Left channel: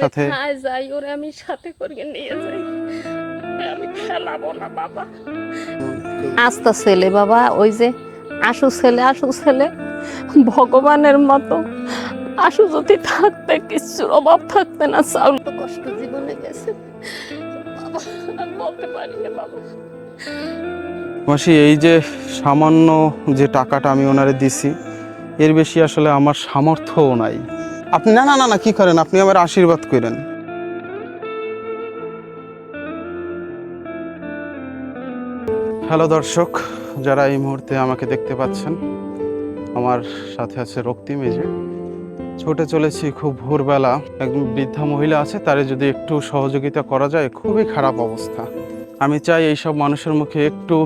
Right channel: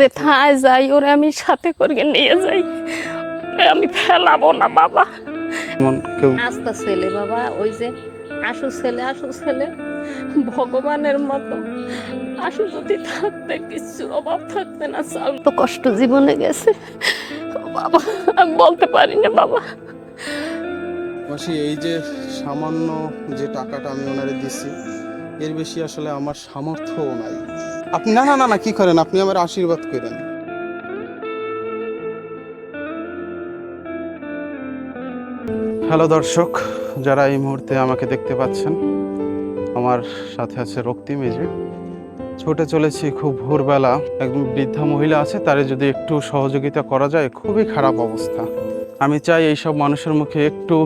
যে থায় যাই ওরে আমি সাথে করে নিয়ে যাই। আমি ফেলাবো না বাবা। আস্ত ছেলে বাবা ওই যে আশু ছেলে আশু ছেলে ভগবানের মতো। আশু যদি থাকতে কিছুর অভাব থাকতে না চাউল তো কষ্ট জীবনে গেছে। বাবা আমি বলতে পারি না বাবা। মাসি এই যে সামান্য যে টাকাটা আমি ওনারে দিছি এর বেশি আসলে আমার সামর্থ্যও নাই। আপনি, না না না না, কি করেন? আপনি আমার আশীর্বাদ করেন। হ্যালো দর্শক, যারা এই মুহূর্তে আমাকে দেখতে পাচ্ছেন, আমার সাথে আছে রক্তিম এই যে। ছুটে চলেছি খুব ভোরবেলা, একজন বৃদ্ধা মহিলা আছে, তারে যদি একটু সহযোগিতা করা যায়, খুবই খারাপ অবস্থা। আমি চাই এইসব মানুষের মুখে একটু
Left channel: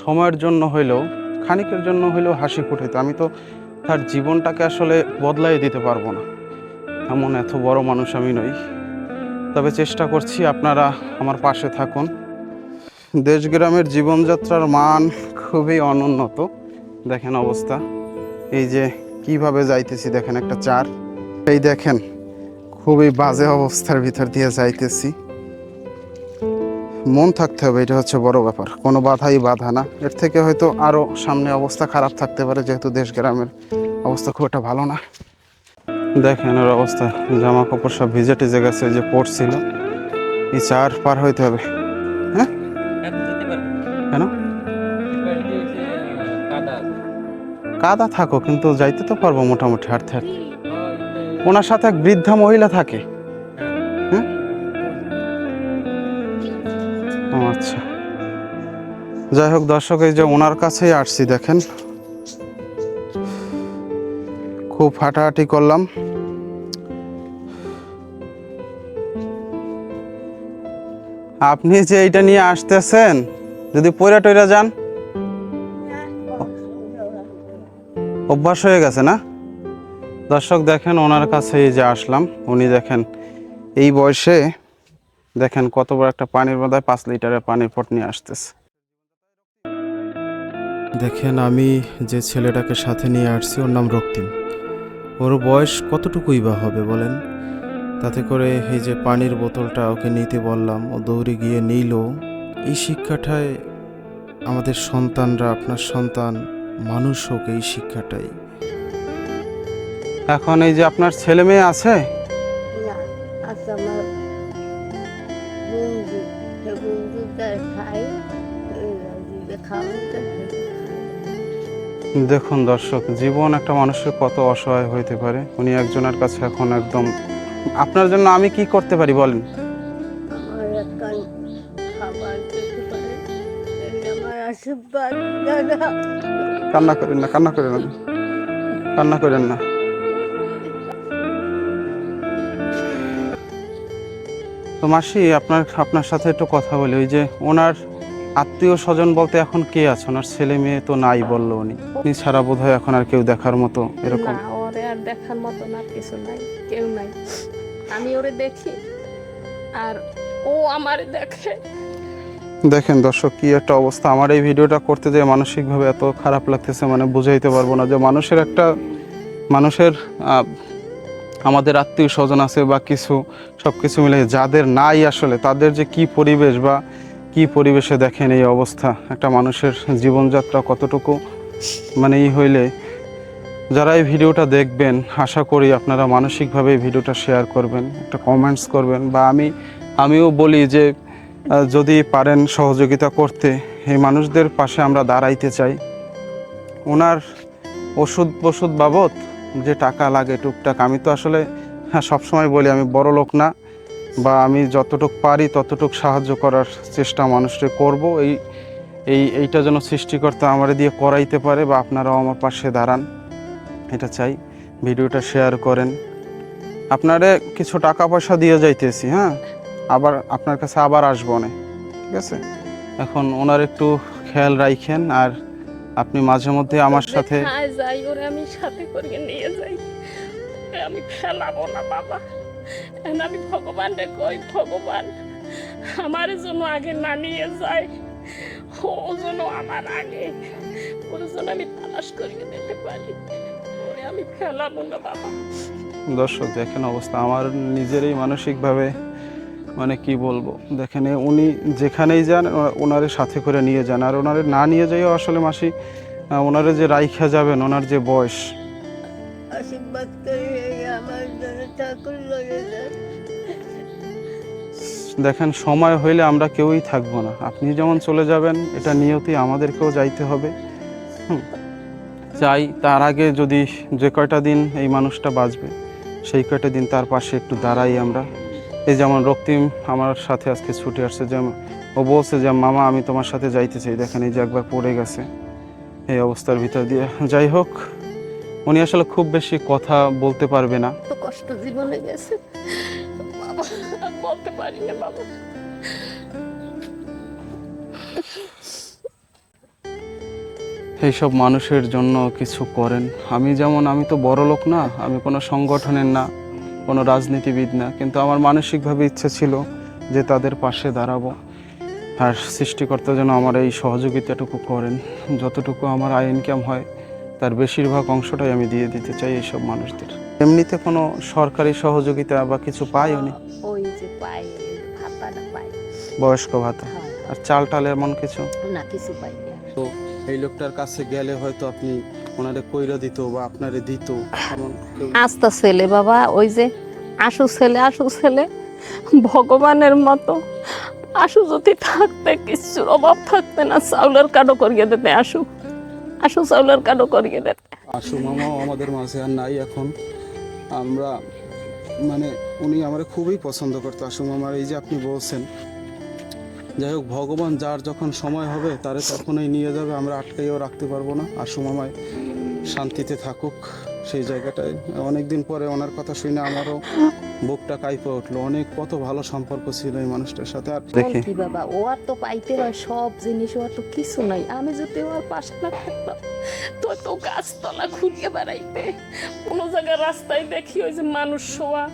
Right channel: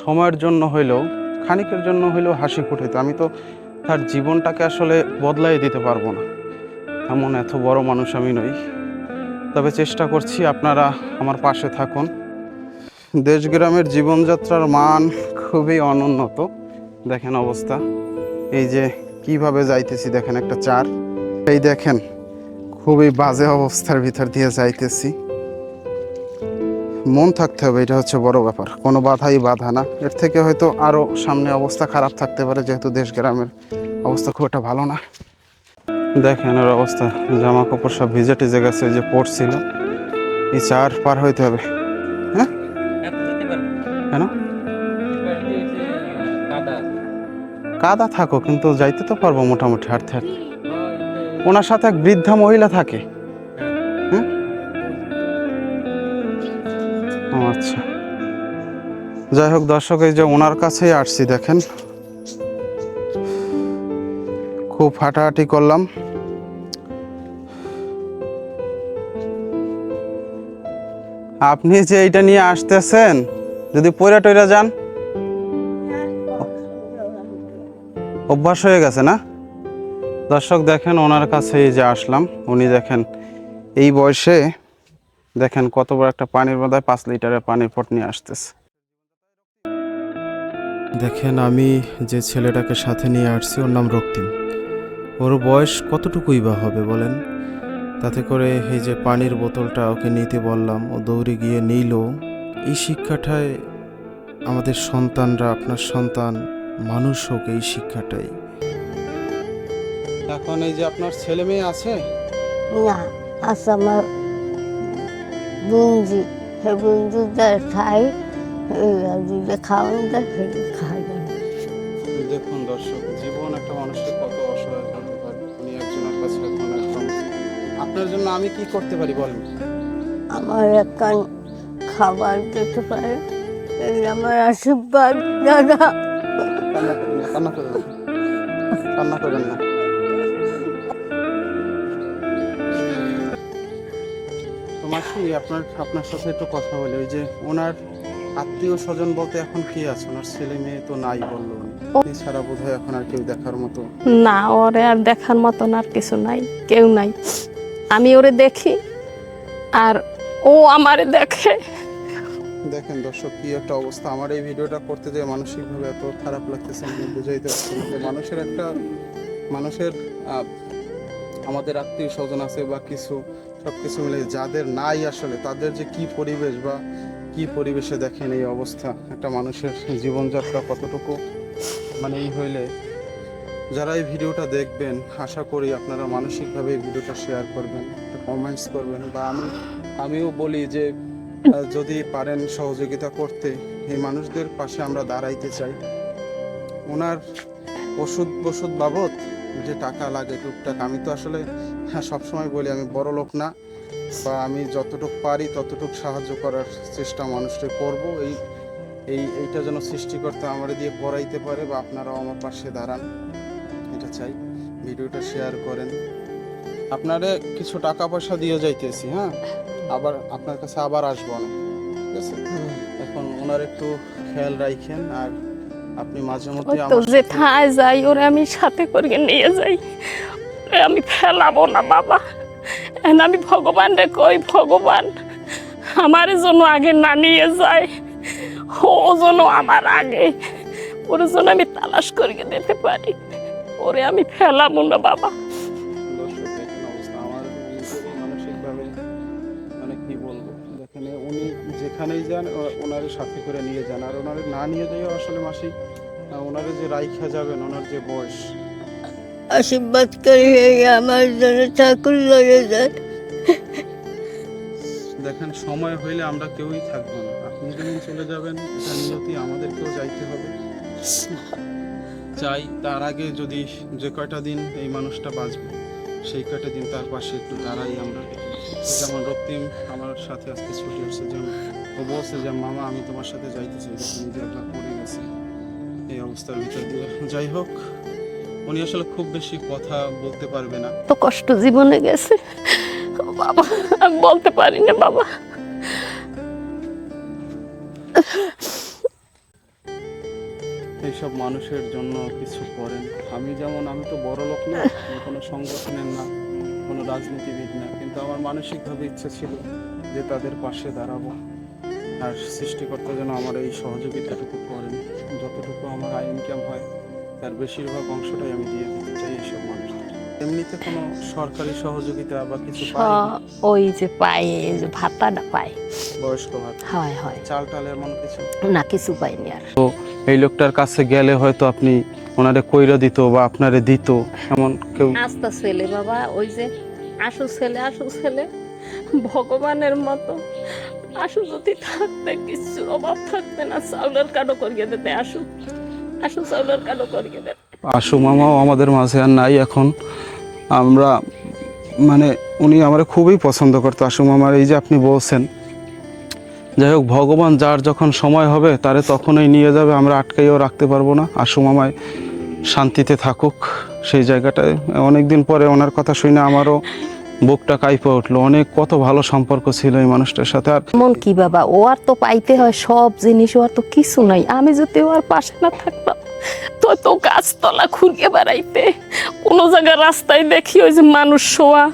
সময়ের জন্য হইলেও, খানিকের জন্য হইলেও হাসি ফুটাইতে আমি তো তার জীবনটাকে আসলে বদলাই দিতে পারব না। এমন এত বড় মানুষ আমি নই। তবে চেষ্টা করছি আপনারা আমার পাশে থাকুন। দেশগ্রামের জীবনযাত্রার মান খুবই অনুন্নত। দেখেন অবস্থা। এই যে কীভাবে যাইতেছি, দেখেন একটা চার। এই দেখেন, খুবই বাজে অবস্থার ভিতর দিয়ে যাইতেছি। মন থাকতে হবে, এটা হচ্ছে বড় ব্যাপার। কোনো বাধাই বাধা না। এর থেকে হয়তো আরও সামনে অবস্থা খারাপ থাকতে পারে, যেহেতু দেশ গ্রামের অবস্থা খুব একটা ভালো না। দেখেন ওর অবস্থা জামা কাপড় সব ভিজে টিজে গেছে যে পড়ছিল এই চার পার হইতে হবে। হ্যাঁ? কেন? কাদা থাকো, কিন্তু যাইতে তো পারব মোটামুটি, হাঁটতে হাঁটতে। ওনার সাথে এক বৃদ্ধা মহিলা থাকে। আচ্ছা। যাই হোক, দর্শক, এই যে ওনার কাছেই আসছি, দেখেন। খুব হাঁটাহাঁটি করলাম। আপনি যে এইটা নিয়ে আসতেছেন, যদি পয়রা টয়রা যান। অভ্যাস হয়ে গেছে না? দর্শক, দেখেন ওনার কাছে যে আসলাম, উনি দেখেন এই বয়সে দেখেন কত বড় একটা পানির মধ্যে পাঁচ লিটারের পানির পট নিয়ে আসতেছে। দেখেন আমি যে ছেলেটাকে সাথে নিয়ে আসছি ওর নাম রক্তিম। ওর বয়স কতটুকুই বা হবে বলেন? তাতে করে এই যে পানির বোতলটা ওকে নিতে বললাম ও দৌড়ে গিয়ে নিল। এই শিক্ষাটায় আমাদের সন্তানরা আপনার সন্তান মানুষ হোক এই শিক্ষাটাই। এখন এই যে আপনার ছেলে মেয়ে আছে? না আছে আমার বুঞ্জি হে বুঞ্জি খাই দেখুন দর্শক জীবন একটা মানুষের কত অসহায় হইতে পারে। উনি একজনের কাছে এখন একদম আপনার জন্য আমি কি করতে পারি বলেন? আমার একখান খাবার দিতে পারে। আমার আশীর্বাদ দাদা। কান্না করেন না কান্না করেন না কান্না করেন না। তো মাসি আপনার আপনার সাথে একটু কথা বলি। ওই যে ওনার আত্মীয় স্বজন বলতে এখন কে আছে? ওনার ছেলে মেয়ে তো নাই বলল উনি। উনি ছাড়া বোধ হয় এখন আর কেউ দেখার মতো না ওরে আর দেখার মতন আর কিছু নাই কেউ নাই। আমি ওরে দেখি আর ও আমারে দেখে। দেখেন দর্শক কি একটা অবস্থা। আমার এই ভিডিওটা করতে যে মানসিকভাবে এত খারাপ লাগতেছে মানে বুঝাইতে পারব না যে মানুষের একটা মানুষের আমাদের আত্মীয় স্বজন আছে বা কিছু সব কিছু মিলে যাদের নাই আসলে, তাদের যে কি পরিবেশ বা কি পরিবেশে দেখেন এই অবস্থা? একটা মানুষের জীবনযাত্রা কতটুকু মানে এই হইলে? যারা এই ভিডিওটা দেখবেন, আশা করি আপনারা মানসিকভাবে এই ভিডিওটা শেয়ার করবেন, একটা কমেন্টস করবেন বা আমি, আমিও বলি যে যদি পারেন সহযোগিতা করতে, এই মানুষদের পাশে আমরা দাঁড়াইতে চাই। ওনার ওষুধ বসুধ বাবদ যে টাকা লাগে টুকটাক আমি তো আসলে হ্যাঁ সবসময় বলি আমি বড় লোক না বা আমি যতটুক পারি ততটুক সাহায্য করার চেষ্টা মানুষকে করব। এই এই এইটা যেন সৃষ্টিকর্তা আমার দিয়ে করাইতে পারে বা আপনারাও আমার পাশে দাঁড়ান এটা চাই। ভিডিওটা শেয়ার করেন। আপনারে কিছু টাকা পয়সা দিয়ে যাইতেছি হ্যাঁ? আবার আপনার কাছে আবার আসব না ঠিক আছে? এখন ওনার একটু খেয়াল রাখেন আর আপনি মাঝে মধ্যে আমার সাথে থায় যাই ওরে আমি সাথে করে নিয়ে যাই। আমি ফেলাবো না বাবা। আমি ভগবান রে কই ভগবান? আমার জন্য আগে না নিয়ে যায় ও যেন আমার আগে। ওর জন্য আমি তালাশ করিয়ে দিতে পারি। ওরে আমি ফেলাবো না বাবা। দর্শক দেখেন অবস্থা। আমার নিজেরই মানসিকভাবে মানে কি বলব? দেখেন উনি যেখানেই যান ওনারে সাথে করে নিয়ে যান। আর ওনারে না নিয়ে যাইও আসলে মাসি ওনারে যে রাইখা যাবেন ওনার যে বয়স। আশীর্বাদ করে আমার জন্য ঠাকুর লয়ে যায় দেখেন সময় হইলে আমরা কেউই থাকব না। আপনি যেমন চলে যাবেন এটা নিয়তি আমাদেরকেও যাইতে হবে। চাই তার আগে যদি যে কয়টা দিন এই মানুষটা বাঁচবে সেই কয়টা দিন তার পাশে একটু দাঁড়াই আমরা। এই যেমন রক্তিম আমার সাথে আজকে ছুটে আসছে যেমন ও বলছে যে মামা আমি তোমার সাথে যাইতে চাই। দেখেন এই যে একবার পড়ে গেছে এই অবস্থার ভিতর দিয়ে। যাই হোক উনি আসলে খুব বেশি কথা বলতে পারবে না। তো কষ্ট জীবনে গেছে। বাবা আমি বলতে পারি না বাবা। এইসব মানুষের জন্য কিছু করেন। আমি যেমন আমি তো বড় লোক না আমি কোনো সংগঠনের না। কোনো রাজনীতিবিদ না কিন্তু আমার মানসিকভাবে ইচ্ছে ছিল যে তাদের পাশে দাঁড়াবো আর সৃষ্টিকর্তা যেন আমার এই সহযোগিতাটুকু করেন। যতটুকু আমার আয় ইনকাম হয় তার বেশিরভাগ অংশটাই আমি দিয়ে দিতে চাই এইসব মানুষদের। এমনিতে কোনো সরকারি সহযোগিতা বা কিছু পাই? ওই যে পায় এই যে ভাতাটা পায় বয়স্ক ভাতা? হয় হয়। চাল টাল এমন কিছু? না কিছু পাইনি আর। তো এই লোকটার কাছে গেলে হয়তো আপনি ওনারে কইরা দিত বা আপনারে দিত এমন কেউ আস্তে ছেলে বাবা ওই যে আশু ছেলে আশু ছেলে ভগবানের মতো। আশু যদি থাকতে কিচ্ছুর অভাব থাকতে না চাউলের কাটো করিয়ে দিতে আশু। আশু চাউলের কাটো করিয়ে দিতে। আশু মামাও আমাদের মাঝে আর নাই এখন। আমরা মানে উনি আমার খুবই পছন্দ করতো আশু মামার এই যে আপনি বলছেন। যাই হোক ভগবান যার যখন সময় হবে তারে তখনই নিয়ে যাবে আমরা আটকাইও রাখতে পারব না। আশু মামায় শান্তিতে থাকুক। সেই জায়গাটায় অনেকদিন পরে ওনার কথা শুনে আমারও বুকটা কাইপে উঠল। অনেক কত ভালো সম্পর্ক ছিল এই মানুষটার সাথে। আর মন দেখি। কি বাবা ও আর তো পাইতে হয় সব জিনিস ও আর তো কিছু নাই। আমি যদি ওর পাশে না থাকতাম তো তো গাছতলা খুঁড়িয়ে বেড়াইতে। কোনো জায়গায় রাস্তায় দেখি ওই যে মানুষ শোয়া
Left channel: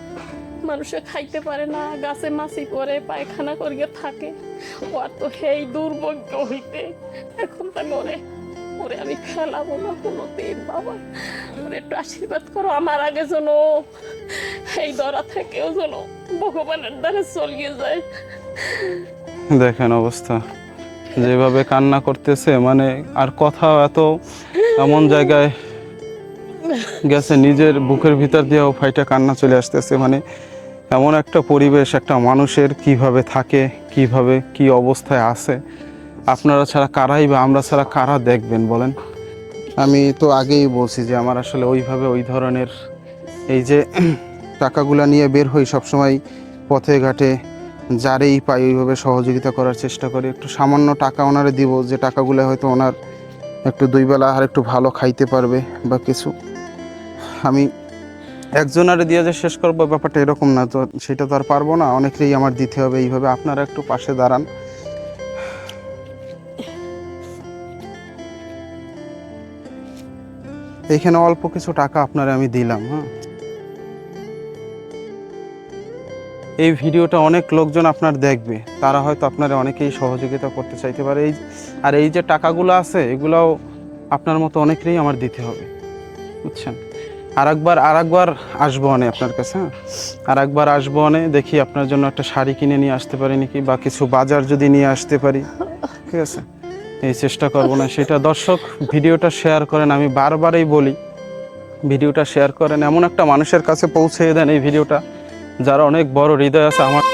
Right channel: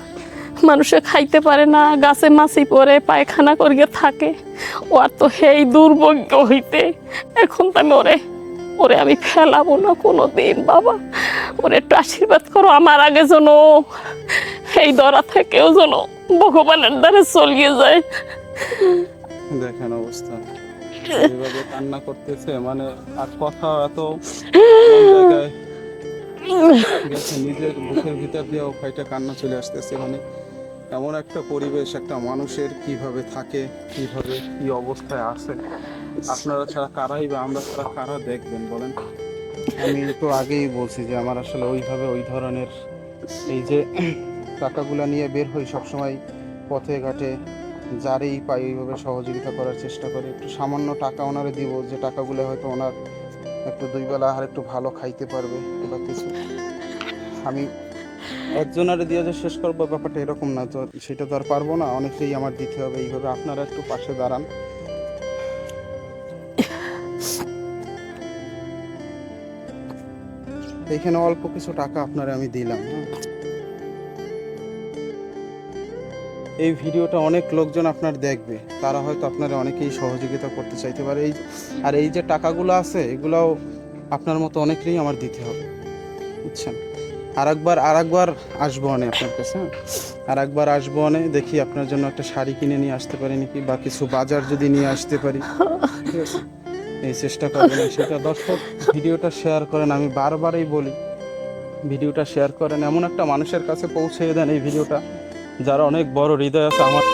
মানুষে খাইতে পারে না গাছে মাছি পরে পায়খানা করিয়ে থাকে। ও আর তো হেই দুর্ভাগ্য হইতে। এখন তো আমি ওরে ওরে আমি ফেলাবো না কোনো দিন বাবা। ওরে একটু আশীর্বাদ করো আমার আগে যেন এই দরা থেকেও যেন ভগবানের দ্বারে চলিয়ে যায়। দেখেন অবস্থা, যেভাবে কান্না করতেছে মানে আর কথা এত এমন জায়গায় গেছে, নিজের বুকের ভিতর দিয়েও ফাইটা কান্না চলে আসতেছে। মানে এমন একটা পরিবেশ, একটা মানুষের কীভাবে থাকে, কীভাবে কি অবস্থায় আছে। আপনারা ছাড়া কারাই বা আমরা ছাড়া কারা দেখবেন বলেন? আমি তো আগেই বলছি যে আমার আসলে ওইভাবে ওই ধরনের এই যে টাকাগুলা নিয়ে বের হই সবসময় পথে ঘাটে, যারেই পাই ওইভাবে সহযোগিতা করার চেষ্টা করি। একটু সামান্য টাকা ওনারে দিব, যে টাকাগুলো হয়তো ওনার একটু দুই বেলা আর একটু ভালো খাইতে পারবে বা কিছু। আমি একজনারে দিয়ে যে শেষ করব ব্যাপারটা এরকম না, তো সেটা তো আর পারব না। অনেকেই আমার দিতে হবে, এইভাবে আপনারা একটু পাশে দাঁড়ান। এইখানে অল্প কিছু টাকা আপনারা আমি দিলাম হ্যাঁ। এই ভিডিওটা অনেক লোকজন আপনার দেখবে, তারা হয়তো আপনারা অনেকেই সহযোগিতা করতে চাইতে পারে। এই আর এই যে টাকাগুলো আছে, এগুলাও আপনার মতো অনেকেরই আমার দিতে হবে, বুঝছেন? আর একবার আর একবার আসব অনে আপনার কাছে হ্যাঁ। আর একবার আসব অনে, দেখি আপনার জন্য একটা শাড়ি কিনে নিয়ে আসতে পারি নাকি, বা কিছু বাজার যদি নিয়ে আসতে পারি, ঠিক আছে? এই চেষ্টা করব না। সেটা দর্শক, ভিডিওটা শেয়ার করেন, আমি বারবারই বলি, ভিডিওটা শেয়ার করেন। এমন একটা মানুষের কাছে পৌঁছে দেন এই ভিডিওটা, যারা অনেক বড় হৃদয় আছে আমার।